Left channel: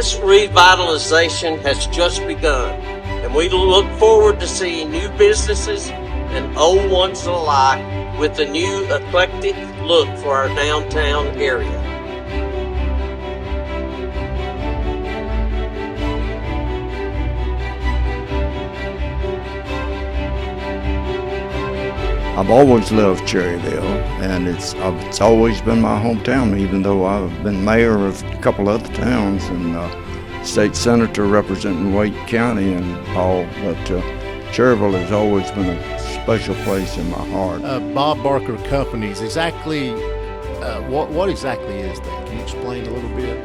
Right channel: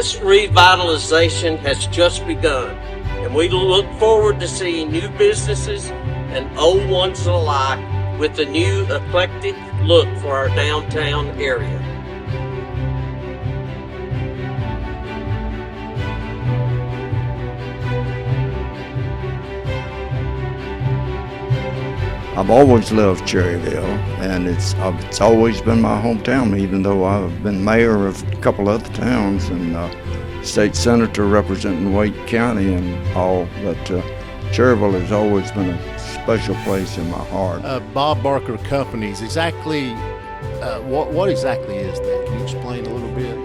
This revitalization has just begun, and we look forward to seeing new businesses and old ones alike with a new eclectic look for our downtown area. I've always loved Cherryville, and it's always been my hometown, even though I've been mayor of a couple other towns and state senator representing Wake County and all, but Cherryville has always been a special place in my heart. Bob Barker Companies, exactly, what exactly is that? Can you explain a little bit?